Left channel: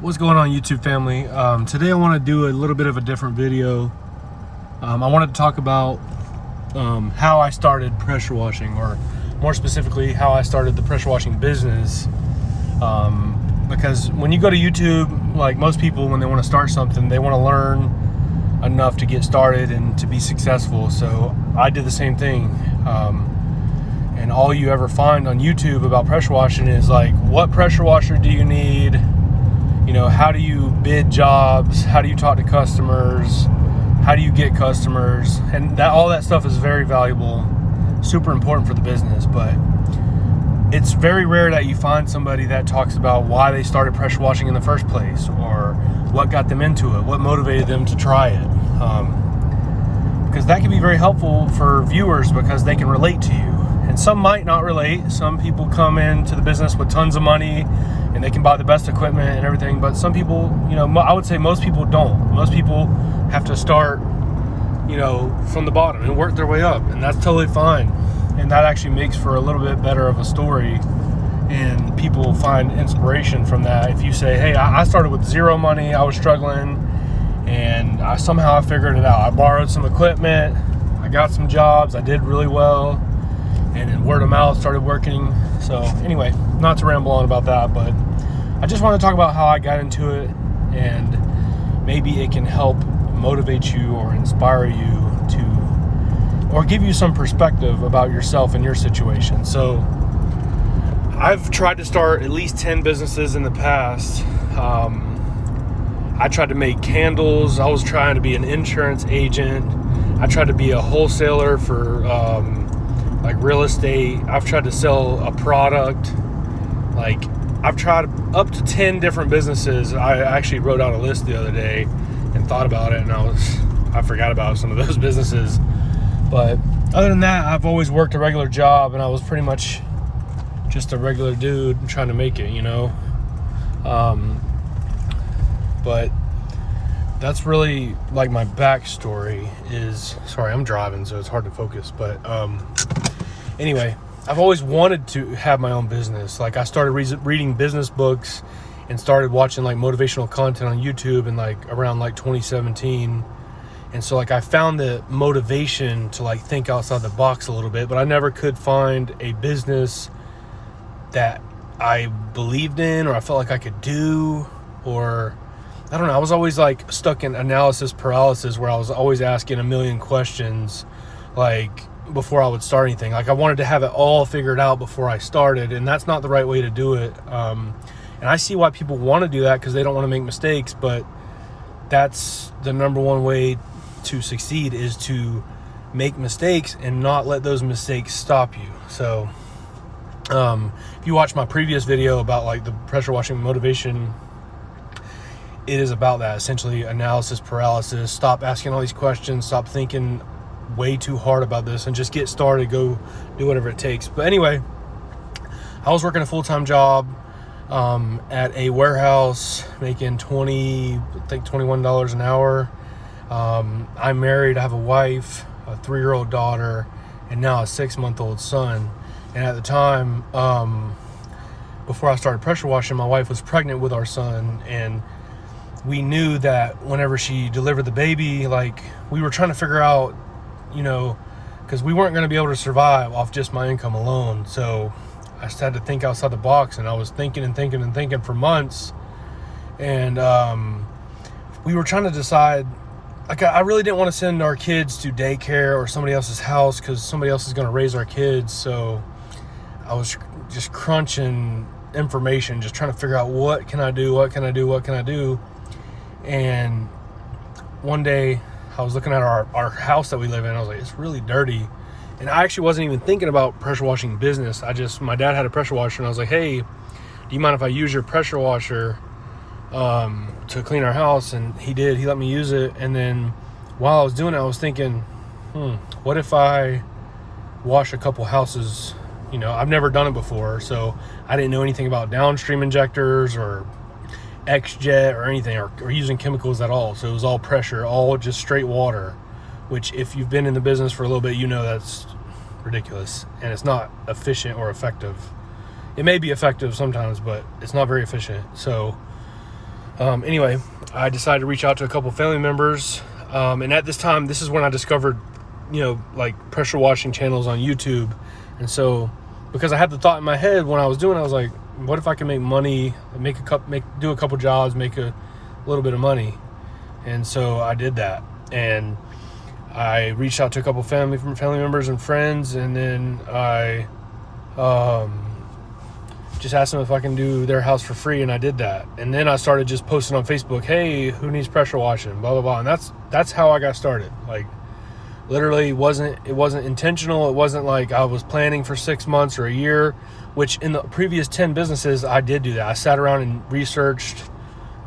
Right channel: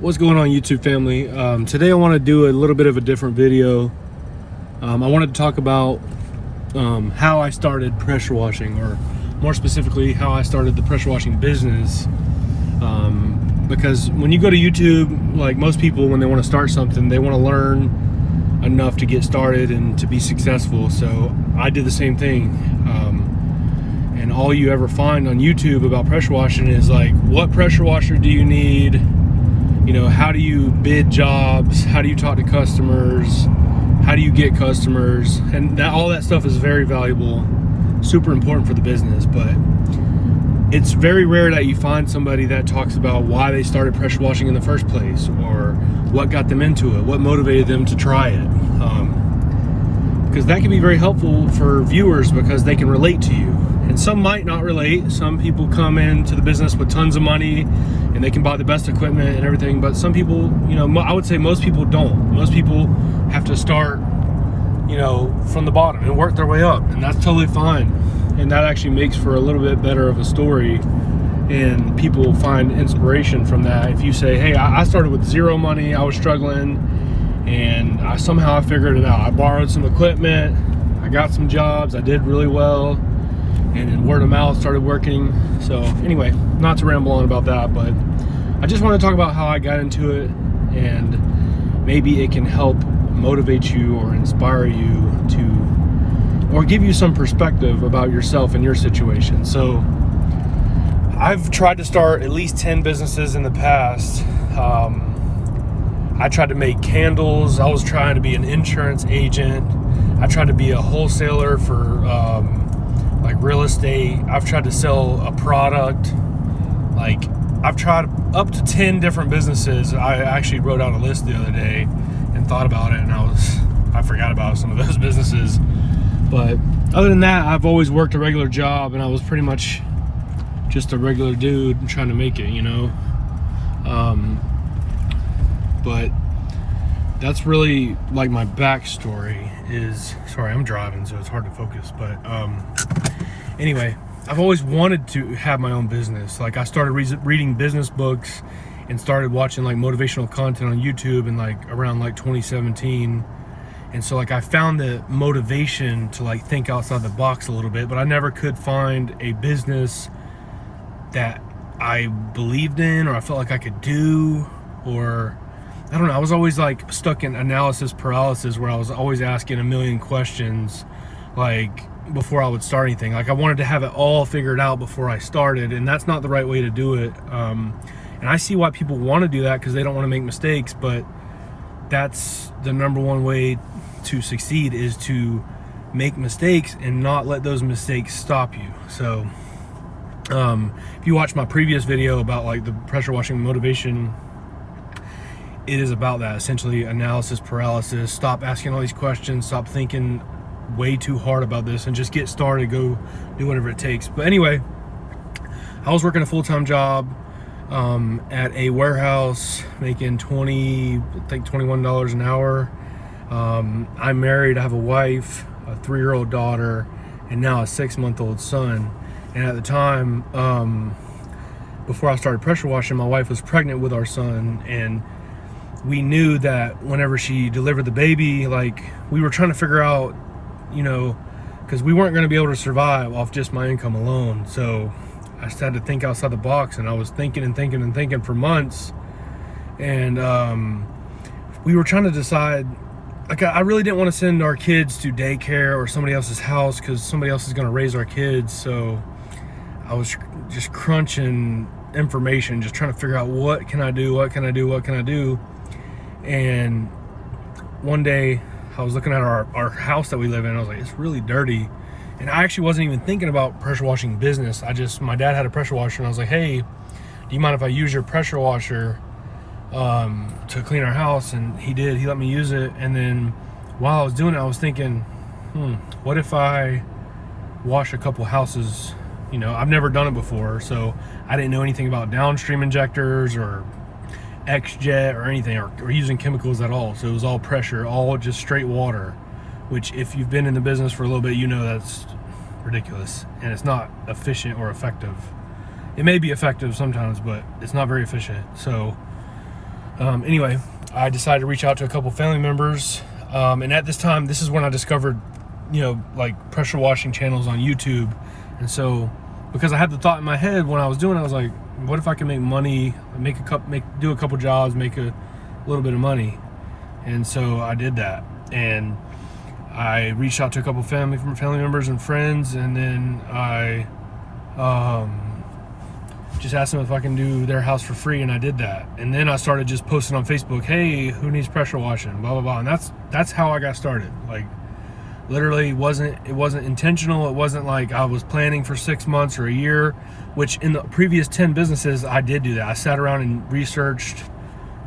What's going on, YouTube family? Today I want to do a little bit of a different video. I wanted to talk about how I started pressure washing, or more specifically how I started the pressure washing business. Because when you go to YouTube, like most people, when they want to start something, they want to learn enough to get started and to be successful. So I did the same thing. And all you ever find on YouTube about pressure washing is like, what pressure washer do you need? You know, how do you bid jobs? How do you talk to customers? How do you get customers? And that, all that stuff is very valuable, super important for the business. But it's very rare that you find somebody that talks about why they started pressure washing in the first place, or what got them into it, what motivated them to try it. Because that can be very helpful for viewers, because they can relate to you. And some might not relate. Some people come into the business with tons of money and they can buy the best equipment and everything, but some people, you know, I would say most people don't. Most people have to start, you know, from the bottom and work their way up, and that's totally fine. And that actually makes for a little bit better of a story, and people find inspiration from that. If you say, hey, I started with zero money, I was struggling, and somehow I figured it out. I borrowed some equipment, I got some jobs, I did really well, and then word of mouth started working. So anyway, not to ramble on about that, but I just want to talk about how I got into it, and maybe it can help motivate you or inspire you to, or give you some perspective about yourself and your situation. So I've tried to start at least 10 businesses in the past. I tried to make candles. I was trying to be an insurance agent. I tried to be a wholesaler for like real estate. I've tried to sell a product. Like, I've tried up to 10 different businesses. I actually wrote out a list the other day and thought about it, and I forgot about some of those businesses. But other than that, I've always worked a regular job, and I was pretty much just a regular dude trying to make it, you know. But that's really like my backstory is, sorry, I'm driving, so it's hard to focus. But anyway, I've always wanted to have my own business. Like, I started reading business books and started watching like motivational content on YouTube in like around like 2017. And so like I found the motivation to like think outside the box a little bit, but I never could find a business that I believed in, or I felt like I could do, or I don't know. I was always like stuck in analysis paralysis, where I was always asking a million questions, like, before I would start anything. Like, I wanted to have it all figured out before I started, and that's not the right way to do it. And I see why people want to do that, because they don't want to make mistakes, but that's the number one way to succeed, is to make mistakes and not let those mistakes stop you. So if you watch my previous video about like the pressure washing motivation, it is about that, essentially analysis paralysis. Stop asking all these questions, stop thinking way too hard about this, and just get started. Go do whatever it takes. But anyway, I was working a full-time job at a warehouse, making $21 an hour. I'm married, I have a wife, a 3-year-old daughter, and now a 6-month-old son. And at the time, before I started pressure washing, my wife was pregnant with our son, and we knew that whenever she delivered the baby, like, we were trying to figure out, you know, because we weren't going to be able to survive off just my income alone. So I just had to think outside the box, and I was thinking and thinking and thinking for months. And we were trying to decide, like, I really didn't want to send our kids to daycare or somebody else's house, because somebody else is going to raise our kids. So I was just crunching information, just trying to figure out, what can I do, what can I do, what can I do. And one day I was looking at our house that we live in. I was like, it's really dirty. And I actually wasn't even thinking about pressure washing business. My dad had a pressure washer, and I was like, hey, do you mind if I use your pressure washer to clean our house? And he did. He let me use it. And then while I was doing it, I was thinking, what if I wash a couple houses? You know, I've never done it before, so I didn't know anything about downstream injectors or Xjet or anything, or using chemicals at all. So it was all pressure, all just straight water, which, if you've been in the business for a little bit, you know that's ridiculous, and it's not efficient or effective. It may be effective sometimes, but it's not very efficient. So Anyway, I decided to reach out to a couple family members. And at this time, this is when I discovered, like pressure washing channels on YouTube. And so, because I had the thought in my head when I was doing it, I was like, what if I can make money, do a couple jobs, make a little bit of money? And so I did that. And I reached out to a couple family members and friends, and then I just asked them if I can do their house for free, and I did that. And then I started just posting on Facebook, hey, who needs pressure washing, blah blah blah. And that's how I got started. Like, literally, it wasn't intentional. It wasn't like I was planning for 6 months or a year, which in the previous 10 businesses I did do that. I sat around and researched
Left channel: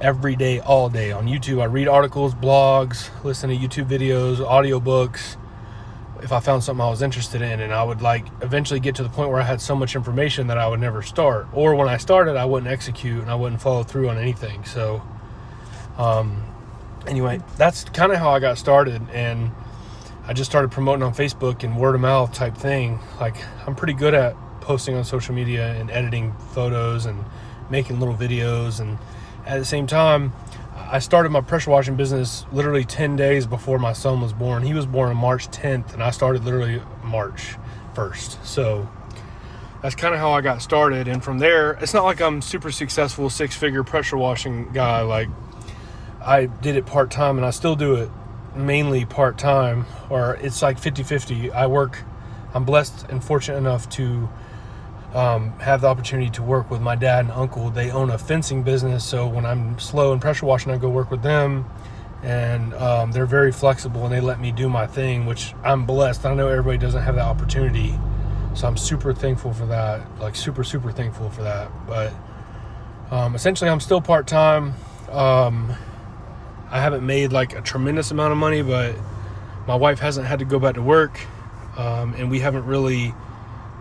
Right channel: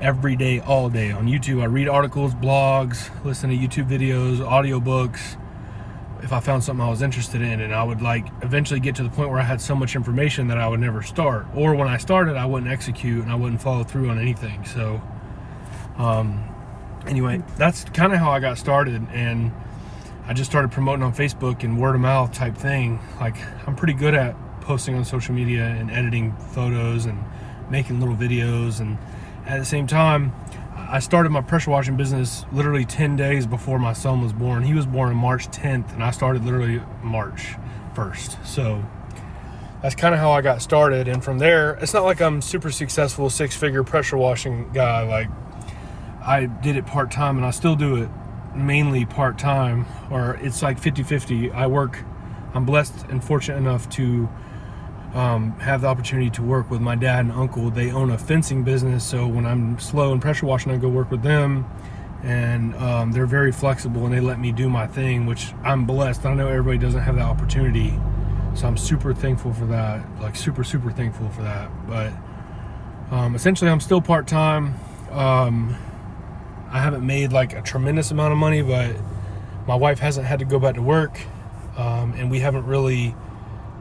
every day, all day on YouTube. I read articles, blogs, listen to YouTube videos, audiobooks, if I found something I was interested in. And I would eventually get to the point where I had so much information that I would never start, or when I started, I wouldn't execute and I wouldn't follow through on anything. So anyway, that's kind of how I got started. And I just started promoting on Facebook and word of mouth type thing. Like, I'm pretty good at posting on social media and editing photos and making little videos. And at the same time, I started my pressure washing business literally 10 days before my son was born. He was born on March 10th, and I started literally March 1st. So that's kind of how I got started. And from there, it's not like I'm super successful 6-figure pressure washing guy. Like, I did it part-time, and I still do it mainly part-time, or it's like 50-50. I'm blessed and fortunate enough to have the opportunity to work with my dad and uncle. They own a fencing business, so when I'm slow in pressure washing, I go work with them, and they're very flexible, and they let me do my thing, which I'm blessed. I know everybody doesn't have that opportunity, so I'm super thankful for that, like super thankful for that. But essentially, I'm still part-time. I haven't made like a tremendous amount of money, but my wife hasn't had to go back to work, and we haven't really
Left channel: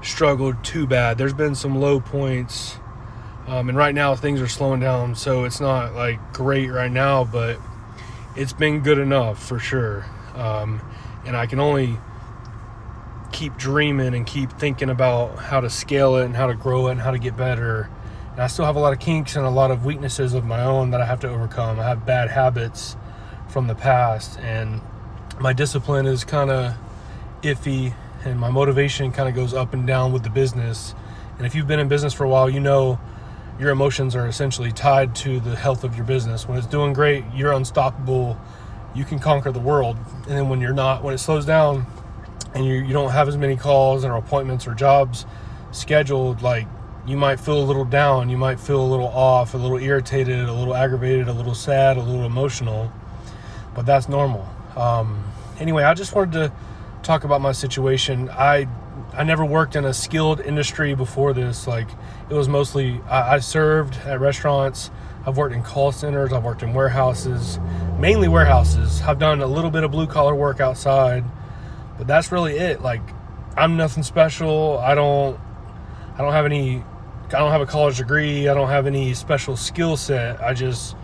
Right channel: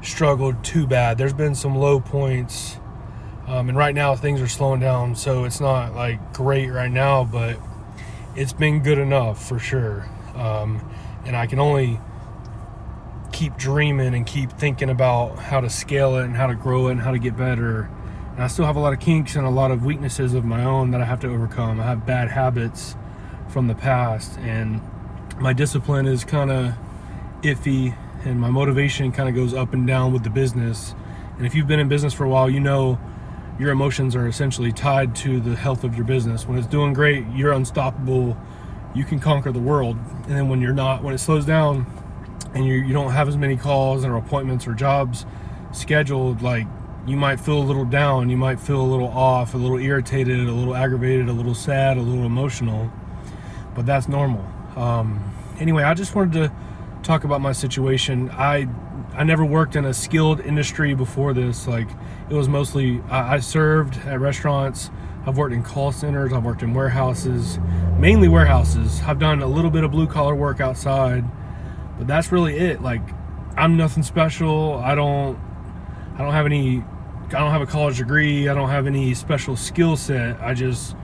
struggled too bad. There's been some low points, and right now things are slowing down, so it's not like great right now, but it's been good enough for sure. And I can only keep dreaming and keep thinking about how to scale it and how to grow it and how to get better. And I still have a lot of kinks and a lot of weaknesses of my own that I have to overcome. I have bad habits from the past, and my discipline is kind of iffy, and my motivation kind of goes up and down with the business. And if you've been in business for a while, you know your emotions are essentially tied to the health of your business. When it's doing great, you're unstoppable. You can conquer the world. And then when it slows down and you don't have as many calls or appointments or jobs scheduled, like, you might feel a little down, you might feel a little off, a little irritated, a little aggravated, a little sad, a little emotional, but that's normal. Anyway, I just wanted to talk about my situation. I never worked in a skilled industry before this. Like, it was mostly, I served at restaurants, I've worked in call centers, I've worked in warehouses, mainly warehouses. I've done a little bit of blue collar work outside, but that's really it. Like, I'm nothing special. I don't have a college degree. I don't have any special skill set. I just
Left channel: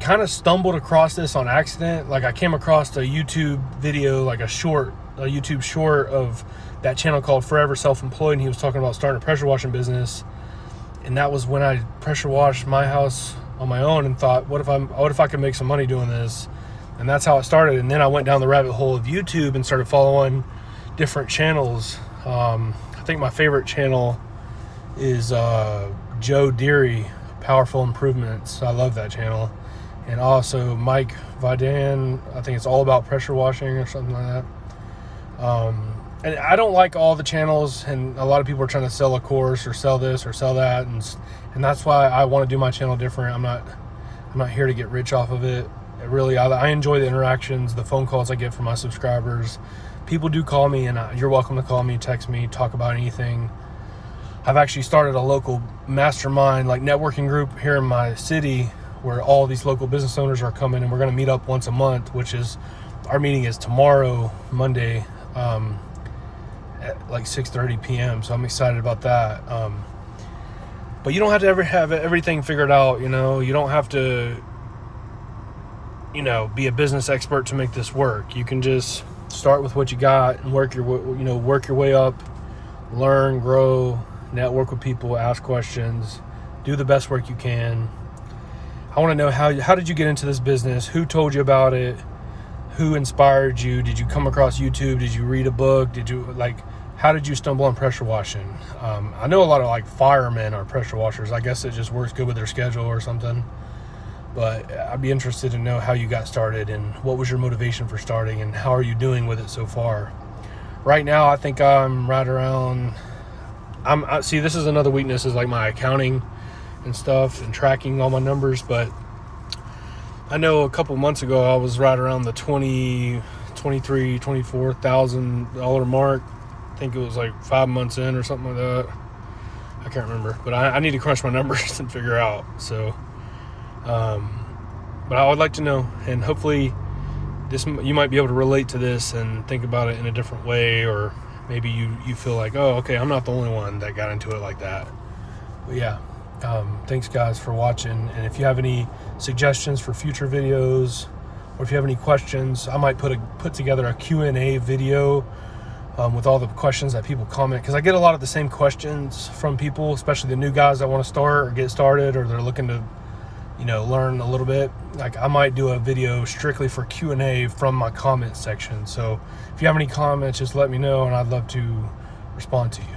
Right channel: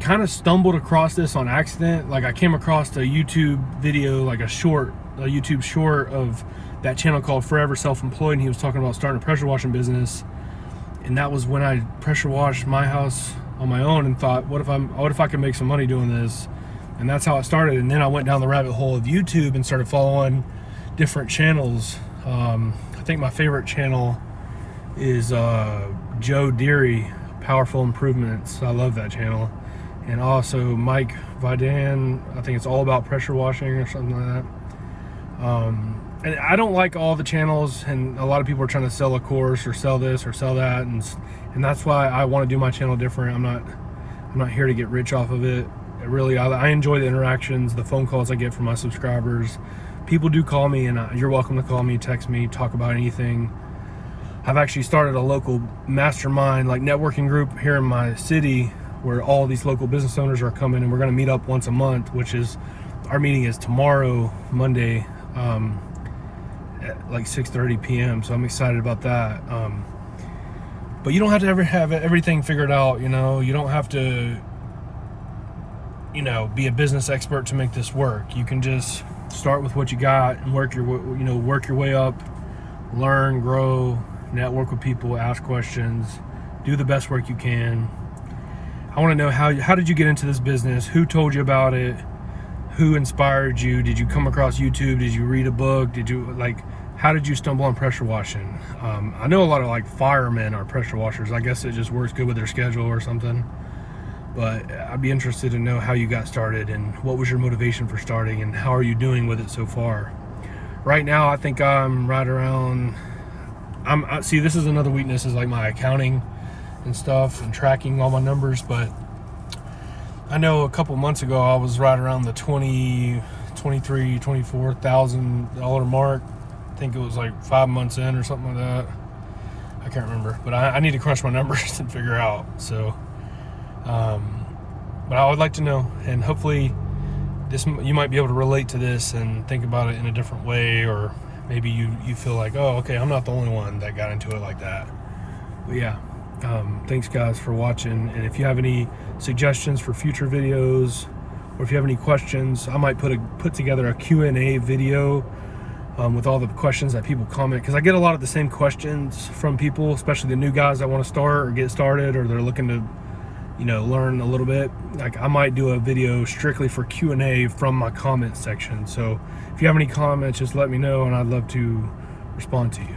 kind of stumbled across this on accident. Like, I came across a YouTube video, like a YouTube short of that channel called Forever Self-Employed, and he was talking about starting a pressure washing business. And that was when I pressure washed my house on my own and thought, what if I could make some money doing this? And that's how it started. And then I went down the rabbit hole of YouTube and started following different channels. I think my favorite channel is Joe Deary, Powerful Improvements. I love that channel. And also Mike Vidan, I think it's all about pressure washing or something like that. And I don't like all the channels, and a lot of people are trying to sell a course or sell this or sell that, and that's why I want to do my channel different. I'm not here to get rich off of it. I enjoy the interactions, the phone calls I get from my subscribers. People do call me, and you're welcome to call me, text me, talk about anything. I've actually started a local mastermind, like networking group here in my city, where all these local business owners are coming, and we're going to meet up once a month, our meeting is tomorrow, Monday, at like 6:30 p.m. So I'm excited about that. But you don't have to ever have everything figured out. You don't have to, be a business expert to make this work. You can just start with what you got and work your way up, learn, grow, network with people, ask questions, do the best work you can. I want to know how did you get into this business? Who told you about it? Who inspired you? Did you come across YouTube? Did you read a book? Did you how did you stumble on pressure washing? I know a lot of like firemen are pressure washers. I guess it just works good with their schedule or something. But I'd be interested to know how you got started and what was your motivation for starting and how are you doing with it so far. Right now, I think I'm right around. See, this is another weakness, is like my accounting and stuff and tracking all my numbers. But I know a couple months ago I was right around the $24,000 mark. I think it was like 5 months in or something like that. I can't remember, but I need to crunch my numbers and figure out. So, but I would like to know, and hopefully you might be able to relate to this and think about it in a different way, or maybe you feel like, oh, okay, I'm not the only one that got into it like that. But yeah, thanks guys for watching, and if you have any suggestions for future videos, or if you have any questions, I might put together a Q&A video with all the questions that people comment, because I get a lot of the same questions from people, especially the new guys that want to start or get started, or they're looking to learn a little bit. Like, I might do a video strictly for Q&A from my comment section. So if you have any comments, just let me know and I'd love to respond to you.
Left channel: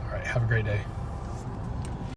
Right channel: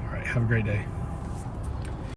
All right, have a great day.